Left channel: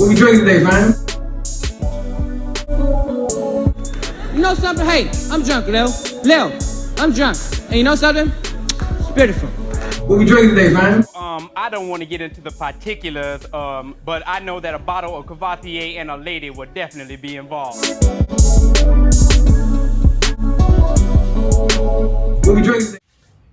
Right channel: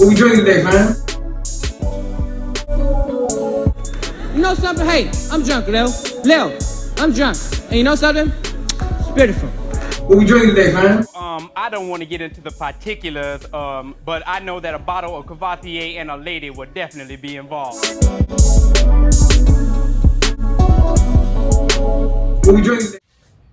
What we drinking today, fam? You know something? Hey, I'm drunk, Lil, I'm drunk. And you know something? It's beautiful. What we drinking today, fam? I don't want to get into the particulars, but I know that a bottle of Cavatier and a lady would definitely be involved. What we drinking today?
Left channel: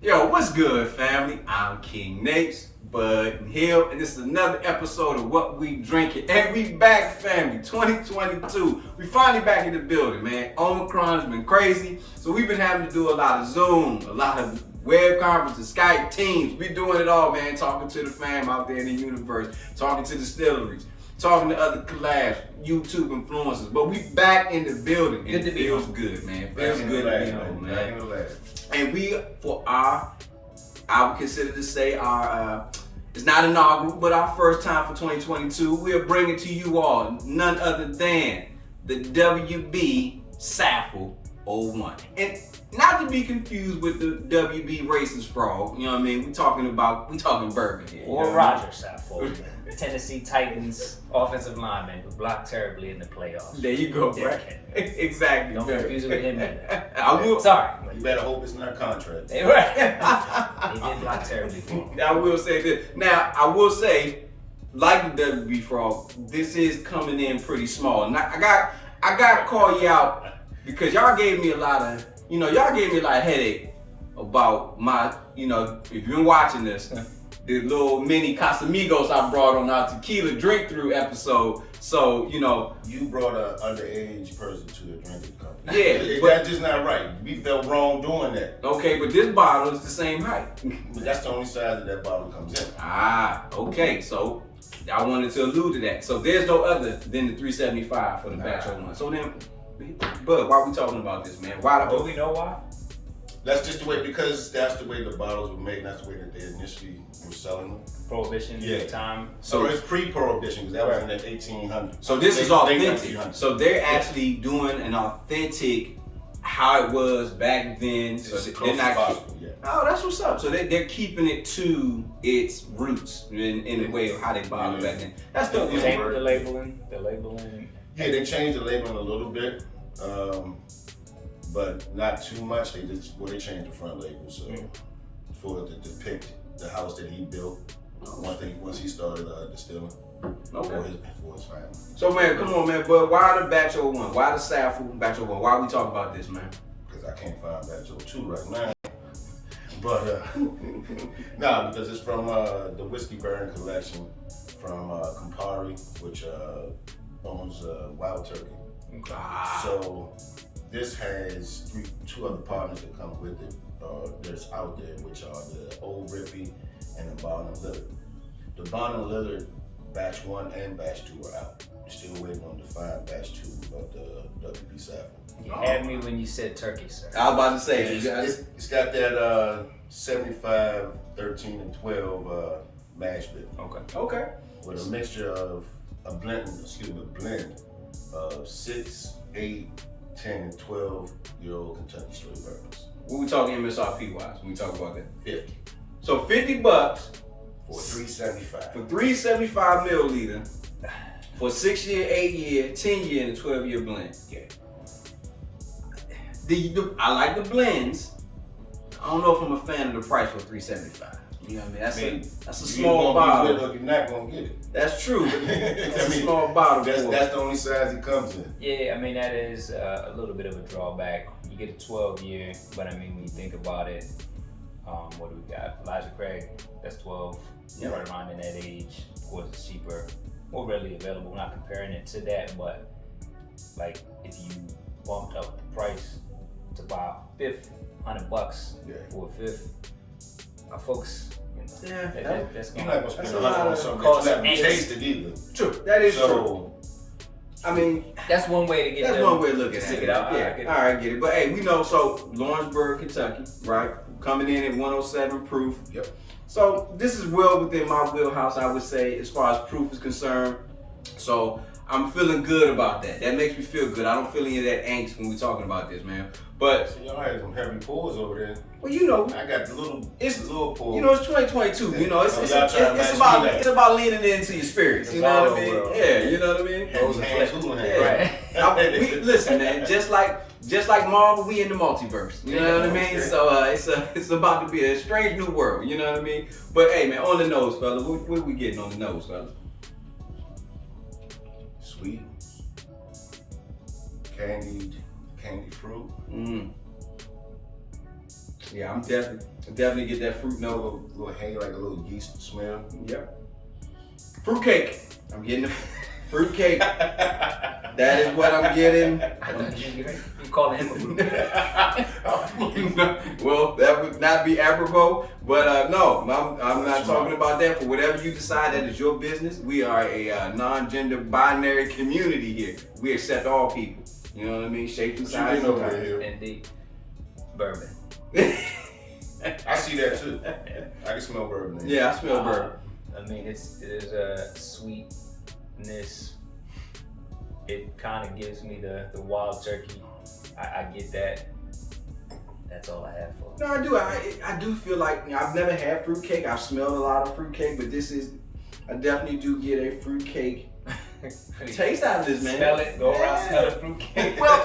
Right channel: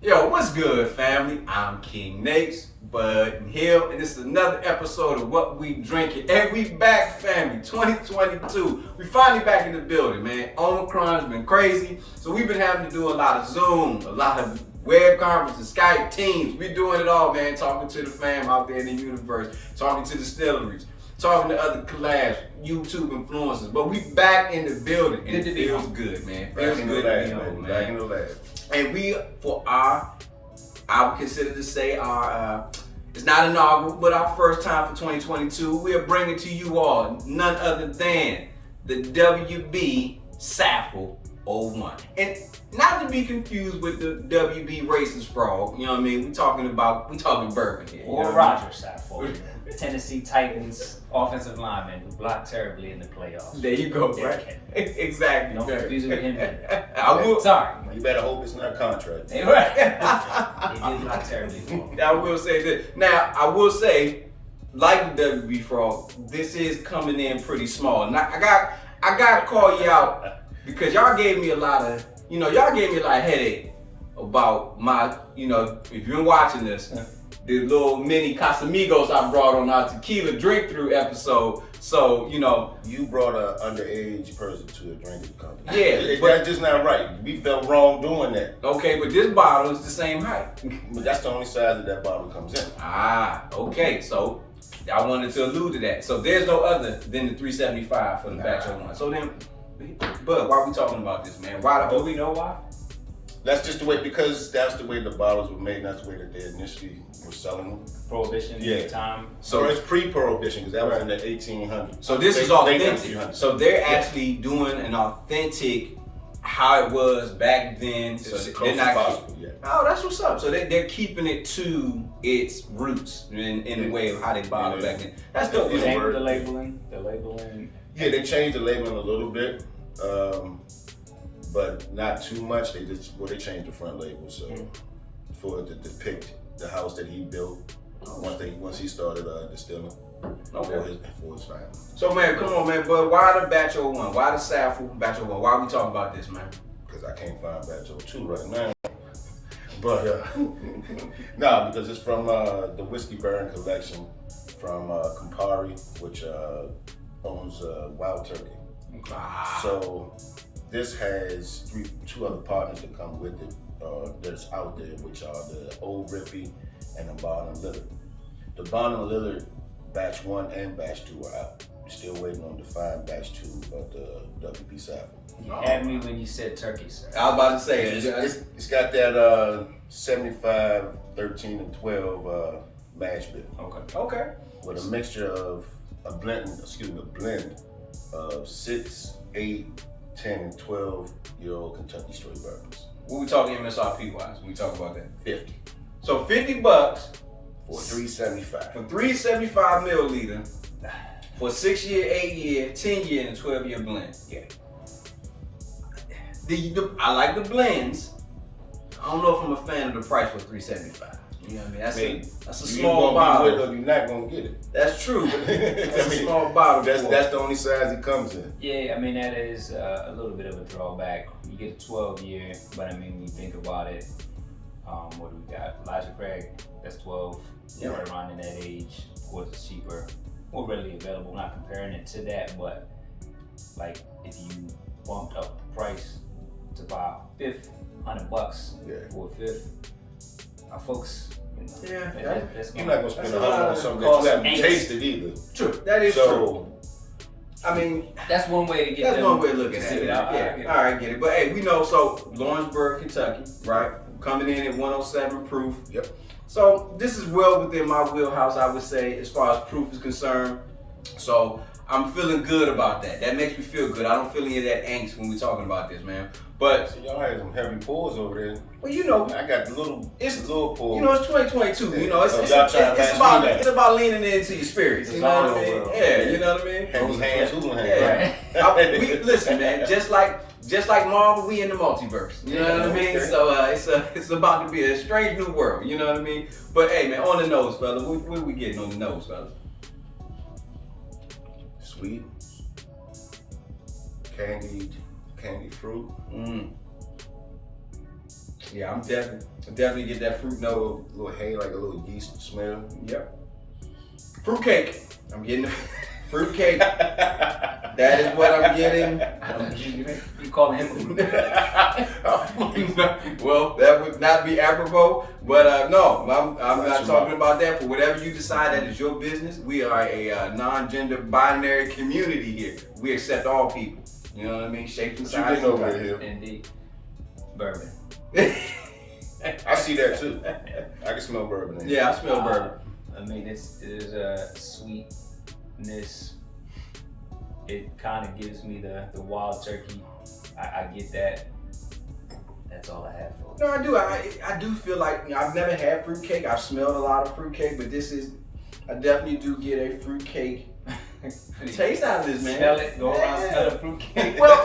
Yo, what's good, family? I'm King Nate's, Bud Hill, and this is another episode of What We Drinking. And we back, family, 2022. We finally back in the building, man. Omicron's been crazy, so we've been having to do a lot of Zoom, a lot of web conferences, Skype, Teams. We doing it all, man. Talking to the fam out there in the universe, talking to distilleries, talking to other collabs, YouTube influencers. But we back in the building, and it feels good, man. Feels good to be home, man. Back in the lab. And we, for our, I would consider to say our, it's not inaugural, but our first time for 2022, we are bringing to you all none other than the WB Saffell 01. And not to be confused with the WB Racist Frog, you know what I mean? We talking bourbon here. Or Roger Saffell, Tennessee Titans offensive lineman who blocked terribly in the playoffs. There you go, right? Exactly. Don't confuse it with him either. I will. Sorry. You better hope it's not a contract. They right. He did block terribly for him. I will say this. Now, I will say, like the WB Frog, this is coming in pretty small. Now, I got to call you out because y'all gave me a lot of headache about my, if you've been watching this, the little mini Casamigos I brought on our tequila drink through episode. So, You brought an underage person to a drinking company. Yeah, that's just not right. We felt wrong doing that. Okay, but this bottle is the same height. But that's the only size that bottle comes in. Ah, okay. So I wanted to allude to that. So there's no other than the 375 for the batch 01. So then, Bud, why are we talking about this, man? Why Do we know why? That's just the way, because that's the way the bottles were made, and that's the way that they initially were selling them. Prohibition at the time. So it's pre-prohibition, because that was in the 1800s. So this is authentic. So they're actually doing an authentic how it was back then. So they're not possible, Oh, that's what's up. So they're keeping it to its roots in a way of how they bottled back then. That's dope. They changed the labeling. Yeah, they changed the labeling a little bit, but not too much. They changed the front label for it to depict the house that he built. Once he started distilling for his family. So man, come on, man. But why the batch 01? Why the Saffell batch 01? Why are we talking about this, man? Because I can't find batch 02 right now. But because it's from the Whiskey Baron collection from Campari, which owns Wild Turkey. So this has two other partners that come with it that's out there, which are the Old Rippy and the Barnum Lillard. The Barnum Lillard batch 1 and batch 2 are out. We're still waiting on the fine batch 2 of the WB Saffell. You had me when you said turkey, sir. I was about to say it's got that 75, 13, and 12 mash bill. Okay. With a mixture of a blend of 6, 8, 10, and 12-year-old Kentucky straight bourbons. What we talking MSRP wise when we talk about that? 50. So $50 for 375. for 375 milliliter for 6-year, 8-year, 10-year, and 12-year blend. Yeah. I like the blends. I don't know if I'm a fan of the price for 375. You know what I mean? That's a small bottle. You're not gonna get it. That's true, but that's a small bottle. That's the only size it comes in. Yeah, I mean that is a little bit of a drawback. You get a 12-year, but I mean when you think about it, what do we got? Elijah Craig, that's 12. Yep. Right around in that age. Of course, it's cheaper, more readily available. I'm not comparing it to that, but like if you bumped up the price to buy a fifth, $100 for a fifth, our folks. That's you're not gonna spend $100 on something that you haven't tasted either. True, that is true. I mean, that's one way to get. That's one way of looking at it. Yeah, all right, get it. But hey, we know. So Lawrenceburg, Kentucky, right? Coming in at 107 proof. Yep. So this is well within my wheelhouse, I would say, as far as proof is concerned. So I'm feeling good about that. That makes me feel good. I don't feel any of that angst when we're talking about this, man. But So y'all had some heavy pulls over there. well, you know, I got little pulls. you know, it's 2022. You know, it's about leaning into your spirits. You know what I mean? World. Yeah, you know what I mean. Those hands, hula hands. Yeah. Listen, man. Just like Marvel, we in the multiverse. You know what I mean? So it's about to be a strange new world. You know what I mean? But hey, man, on the nose, fella. What are we getting on the nose, fella? Sweet, candied fruit. Yeah, I'm definitely get that fruit note. Little hay, like a little yeast smell. Yep. Fruit cake. I'm getting the fruit cake. That is what I'm getting. You calling him a fruit? Well, that would not be apropos, but no, I'm not talking about that. For whatever you decide, that is your business. We are a non-gender binary community here. We accept all people. You know what I mean? Shapes and sizes. Indeed. Bourbon. I see that too. I can smell bourbon. Yeah, I smell bourbon. I mean, it is a sweetness. It kind of gives me the wild turkey. I get that. That's all I have for it. No, I do. I do feel like, you know, I've never had fruitcake. I've smelled a lot of fruitcake, but I definitely do get a fruitcake taste out of this, man. Smell it, go around, smell the fruitcake. Well,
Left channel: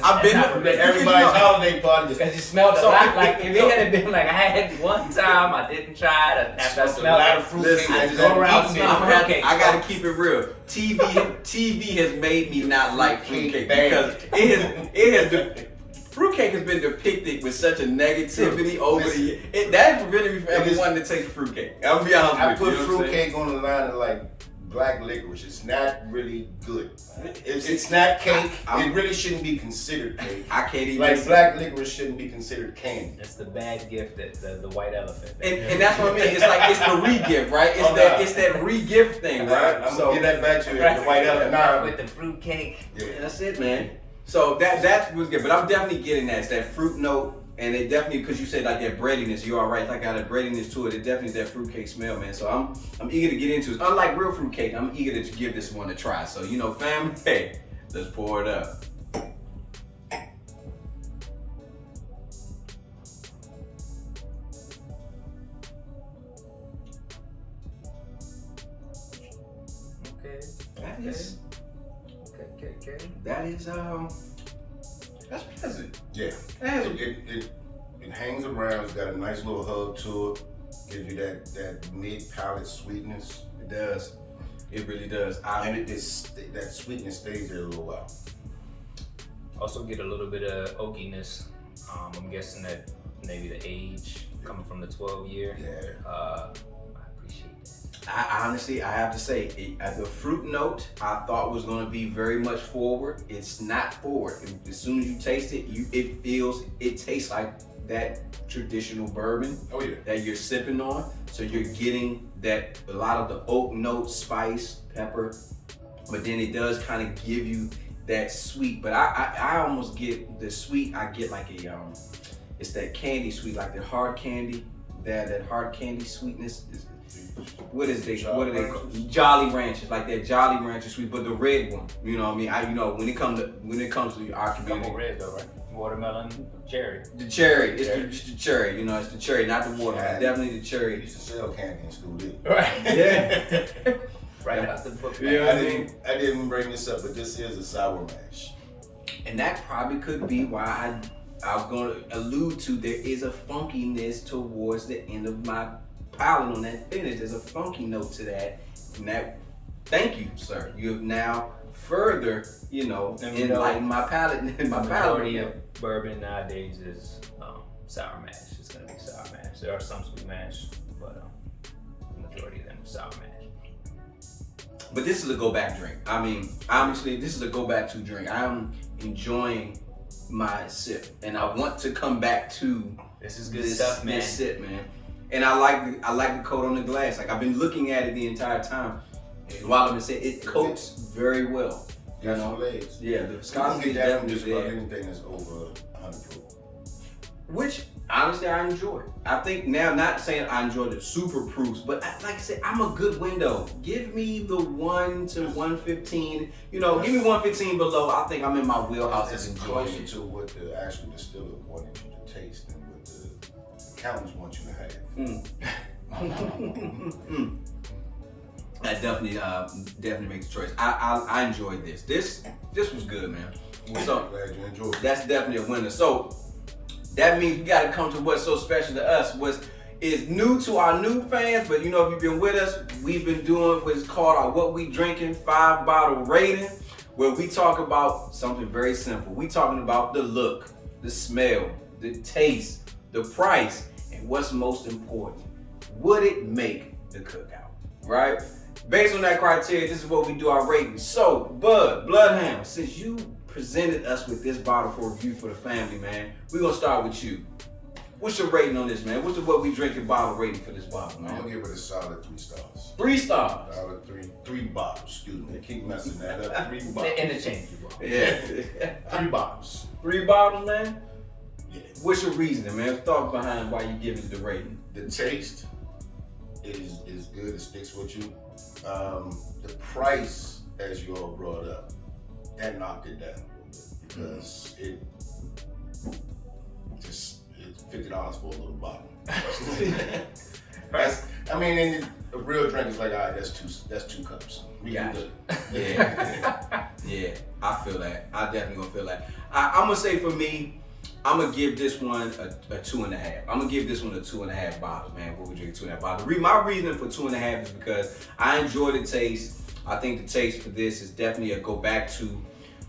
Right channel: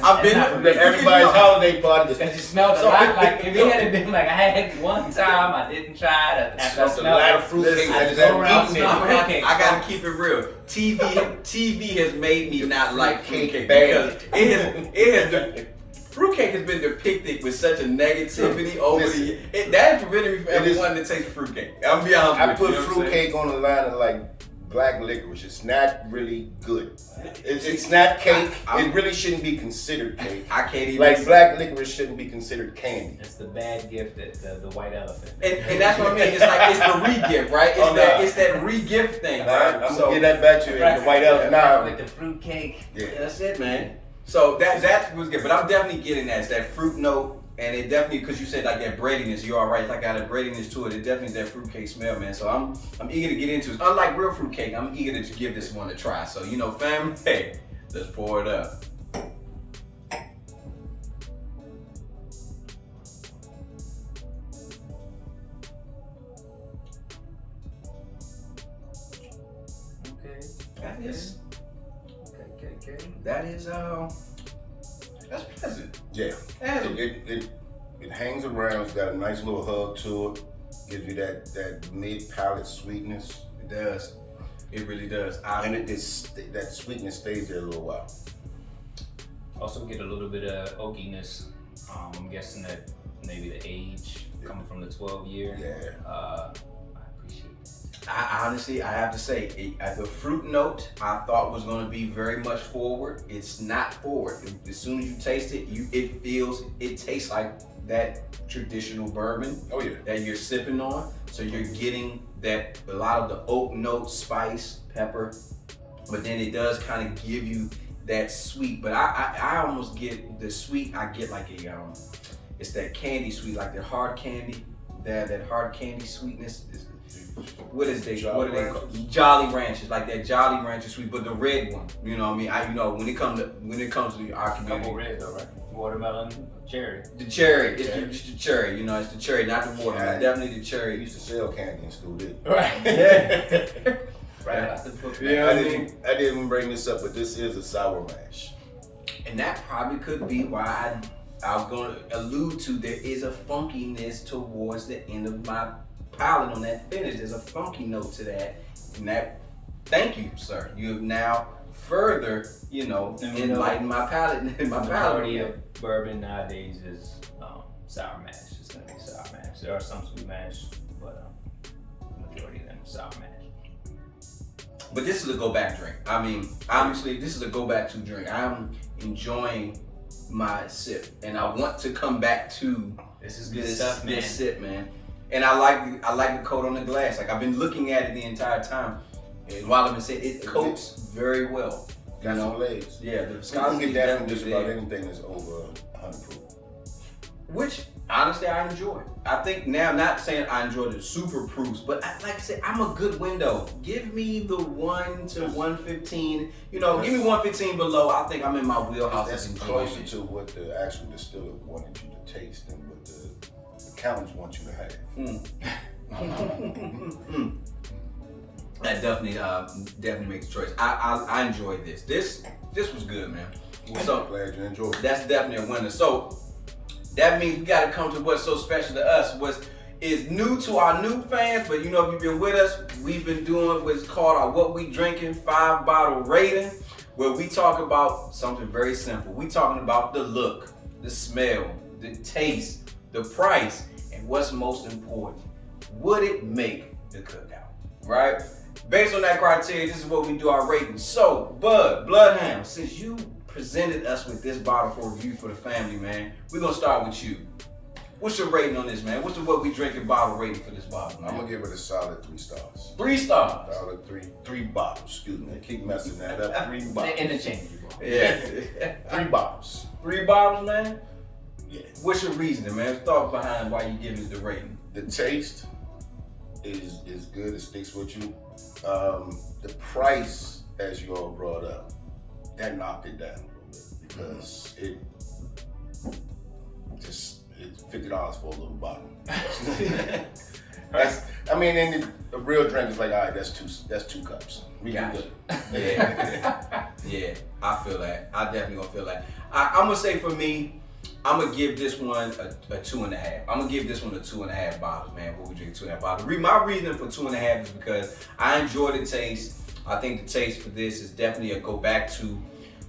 I've been to everybody's holiday party. Because you smelled a lot. Like if it had been like I had it one time, I didn't try it. After I smelled a lot of fruitcake. I gotta keep it real. TV has made me not like fruitcake because fruitcake has been depicted with such a negativity over the years. That has prevented me from ever wanting to taste fruitcake. I'm gonna be honest with you. I put fruitcake on the line of like black licorice. It's not really good. It's not cake. It really shouldn't be considered cake. I can't even like black licorice shouldn't be considered candy. It's the bad gift, that the white elephant. And that's what I mean. It's like it's the re-gift, right? It's that re-gift thing, right? I'm gonna give that back to you. The white elephant. Nah, with the fruitcake. Yeah, that's it, man. So that was good, but I'm definitely getting that. It's that fruit note, and it definitely, because you said like that breadiness, you're all right. It's like got a breadiness to it. It definitely is that fruitcake smell, man. So I'm eager to get into it. Unlike real fruitcake, I'm eager to give this one a try. So you know, family, hey, let's pour it up. That is that's pleasant. Yeah. It hangs around. It's got a nice little hug to it. Gives you that mid palate sweetness. It does. It really does. And that sweetness stays there a little while. Also get a little bit of oakiness. I'm guessing that maybe the age coming from the 12-year. Yeah. I appreciate that. I honestly, I have to say, the fruit note I thought was going to be very much forward. It's not forward. As soon as you taste it, it tastes like that traditional bourbon that you're sipping on. So you're getting a lot of the oak note, spice, pepper, but then it does kind of give you that sweet. But I almost get the sweet. I get like it's that candy sweet, like the hard candy. That hard candy sweetness is. What are they called? Jolly Ranchers, like that Jolly Rancher sweet, but the red one. You know what I mean? When it comes to our community. Couple red though, right? Watermelon, cherry. The cherry, it's the cherry. You know, it's the cherry, not the watermelon. Definitely the cherry. I used to sell candy in school, didn't I? Right. Yeah. Right out the book. You know what I mean? I didn't bring this up, but this is a sour mash. And that probably could be why I was going to allude to there is a funkiness towards the end of my palate on that finish. There's a funky note to that. And thank you, sir. You have now further, enlightened my palate. My palate of bourbon nowadays is sour mash. It's gonna be sour mash. There are some sweet mash, but the majority of them are sour mash. But this is a go back drink. I mean, obviously, this is a go back to drink. I'm enjoying my sip, and I want to come back to this is good stuff, man. This sip, man. And I like the coat on the glass. Like I've been looking at it the entire time. And while I've been saying it coats very well. You know? Legs. Yeah, the You viscosity can is get that from definitely just about there. anything that's over 100 proof. Which honestly, I enjoy it. I think now, not saying I enjoy the super proofs, but like I said, I'm a good window. Give me the 1 to 115. You know, give me 115 below. I think I'm in my wheelhouse. That's of enjoying closer it. to what the actual distiller wanted you to taste than what the accountants want you to have. That definitely makes a choice. I enjoyed this. This was good, man. So I'm glad you enjoyed it. that's definitely a winner. So that means we got to come to what's so special to us. Is new to our new fans, but you know, if you've been with us, we've been doing what's called our What We Drinking 5-bottle rating, where we talk about something very simple. We talking about the look, the smell, the taste, the price, and what's most important, would it make the cookout, right? Based on that criteria, this is what we do our rating. So, Bloodhound, since you presented us with this bottle for review for the family, man, we're gonna start with you. What's your rating on this, man? What's the What We Drinking bottle rating for this bottle, man? I'm gonna give it a solid 3 stars. 3 stars. Solid three bottles. Excuse me. Keep messing that up. 3 bottles. Interchangeable. Yeah. 3 bottles. 3 bottles, man? Yeah. What's your reasoning, man? Thought behind why you giving it the rating? The taste is good. It sticks with you. The price, as you all brought up, that knocked it down a little bit because it's $50 for a little bottle. And a real drink is like, all right, that's two cups. We can do Yeah. Yeah, I feel that. I definitely gonna feel that. I'm gonna say for me, I'm gonna give this one a 2.5. I'm gonna give this one a 2.5 bottles, man. What we drinking 2.5 bottles. My reasoning for 2.5 is because I enjoy the taste. I think the taste for this is definitely a go back to.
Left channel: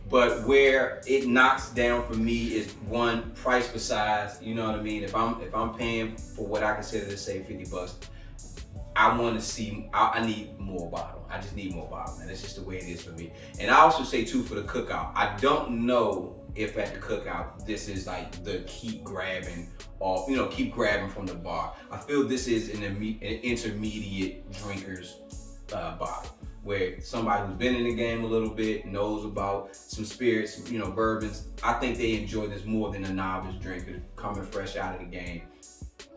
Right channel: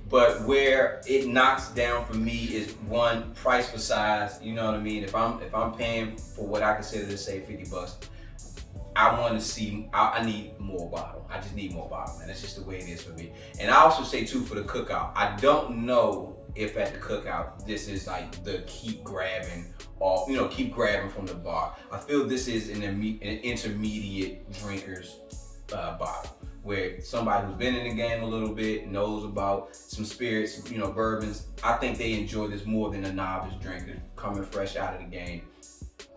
But where it knocks down for me is one, price for size. You know what I mean? If I'm paying for what I consider to say $50, I want to see. I need more bottle. I just need more bottle, man. That's just the way it is for me. And I also say too, for the cookout, I don't know if at the cookout this is like the keep grabbing from the bar. I feel this is an intermediate drinkers bottle, where somebody who's been in the game a little bit, knows about some spirits, bourbons. I think they enjoy this more than a novice drinker coming fresh out of the game.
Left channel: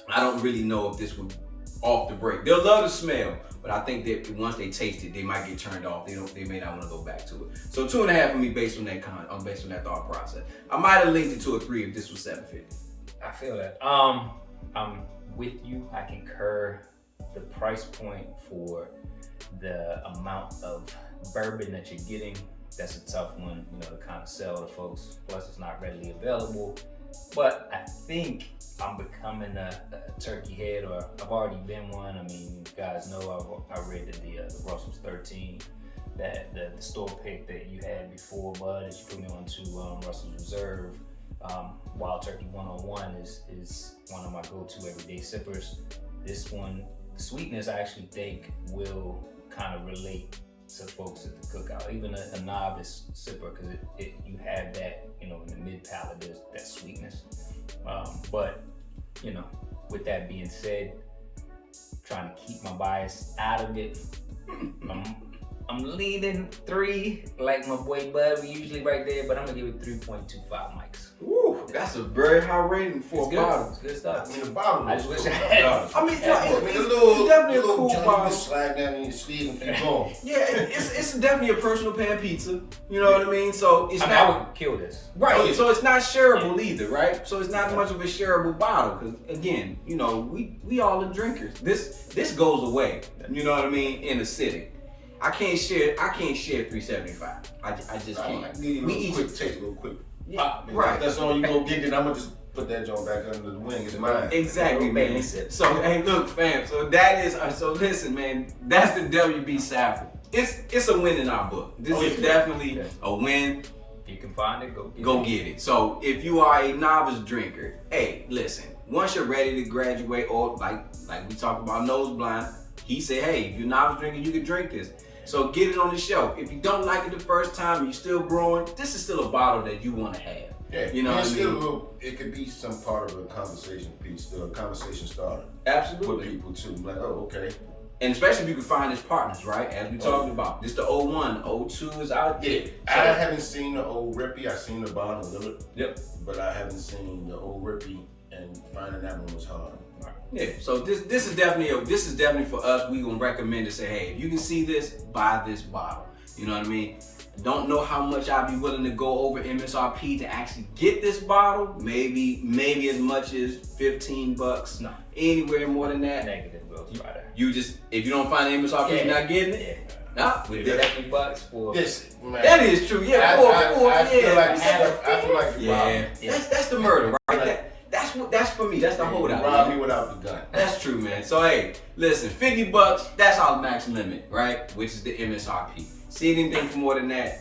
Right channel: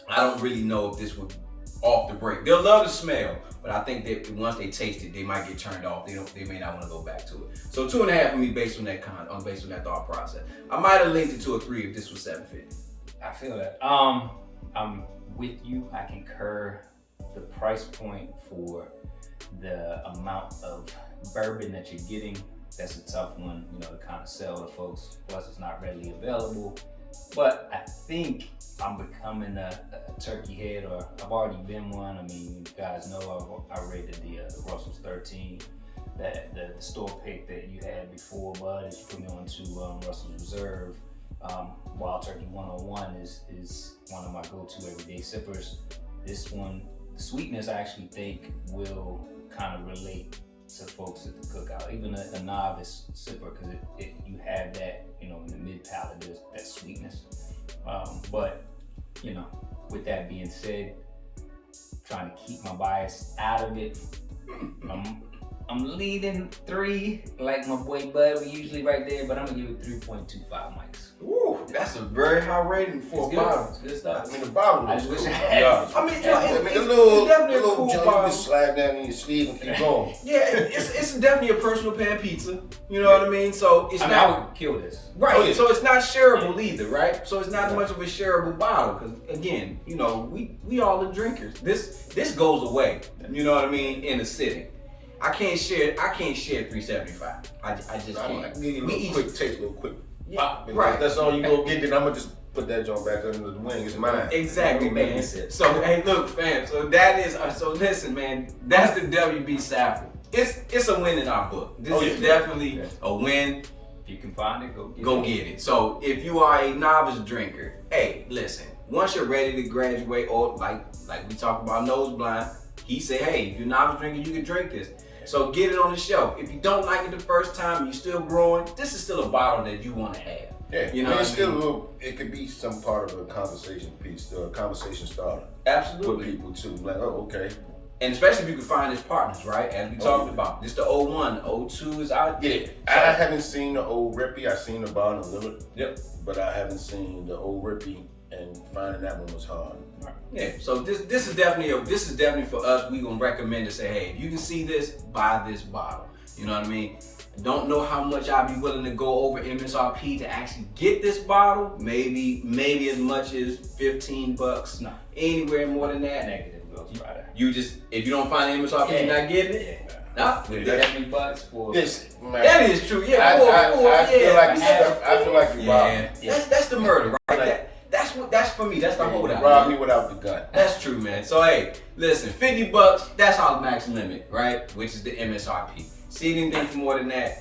I don't really know if this would off the break. They'll love the smell, but I think that once they taste it, they might get turned off. They may not want to go back to it. So 2.5 for me based on that thought process. I might have linked it to a 3 if this was $7.50. I feel that. I'm with you. I concur. The price point for the amount of bourbon that you're getting, that's a tough one, to kind of sell to folks. Plus, it's not readily available. But I think I'm becoming a turkey head, or I've already been one. I mean, you guys know I rated the Russell's 13, that the store pick that you had before, Bud, that you put me on to Russell's Reserve. Wild Turkey 101 is one of my go-to everyday sippers. This one, sweetness, I actually think will kind of relate to folks at the cookout, even a novice sipper, because you have that, in the mid palate, there's that sweetness. But with that being said, trying to keep my bias out of it, I'm leaning 3, like my boy Bud. We usually right there, but I'm gonna give it 3.25 mics. Ooh, that's a very high rating for a bottle. It's good stuff. I mean, the bottle I is just cool. wish I had it. I mean, it's little definitely a cool junk bottle. you can slide down in your sleeve and keep going. Yeah, it's definitely a personal pan pizza. You know what I mean? So it's I not. would kill this. Right, Oh, yeah. so it's not shareable either, right? So it's not much of a shareable bottle, because again, we all are drinkers. This goes away, you know what I mean, in a sitting. I can't share 375. I just I can't. can give you a little quick taste, real quick. Yeah, Because right. That's all you gonna get. Then I'm gonna just put that joint back under the wing. It's mine. Exactly, Baby man. sip. So hey, look, fam. So that is. So listen, man. That's the WB Saffell. It's a win in our book. This is definitely a win. If you can find it, Go get it. So if you are a novice drinker, hey, listen. Once you're ready to graduate, or like we talk about nose blind, he said, hey, if you're a novice drinker, you can drink this. So get it on the shelf. If you don't like it the first time and you're still growing, this is still a bottle that you want to have. Yeah, You know what I it's still mean? a little. It could be some part of a conversation piece, or a conversation starter with Absolutely. people too. Like, oh, okay. And especially if you can find his partners, right? As we talked about. This the 01. 02 is out there. Yeah, I haven't seen the old Rippy. I've seen the Bond Limit. Yep. But I haven't seen the old Rippy, and finding that one was hard. Yeah, so this is definitely for us. We gonna recommend to say, hey, if you can see this, buy this bottle. You know what I mean? Don't know how much I'd be willing to go over MSRP to actually get this bottle. Maybe as much as $15. No. Anywhere more than that. Negative, we'll try that. You just, if you don't find the MSRP, you're not getting it. Yeah. Nah, $70 for. Yes, man. that is true. Yeah, I feel like I feel like you robbed me. yeah. That's the murder, right? Like- That's for me. That's the holdout. You robbed man. me without the gun. That's true, man. So hey, listen, $50, that's our max limit, right? Which is the MSRP. See anything for more than that,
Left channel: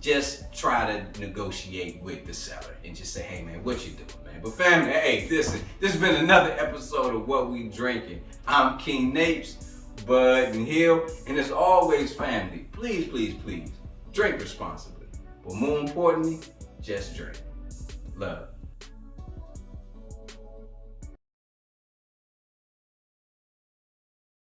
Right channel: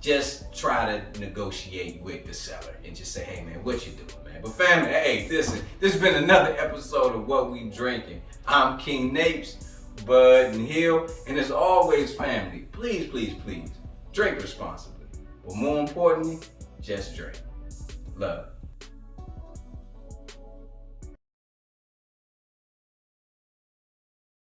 just try to negotiate with the seller and just say, hey man, what you doing, man? But family, hey, listen, this has been another episode of What We Drinking. I'm King Napes, Bud and Hill, and as always, family, please, please, please, drink responsibly. But more importantly, just drink. Love.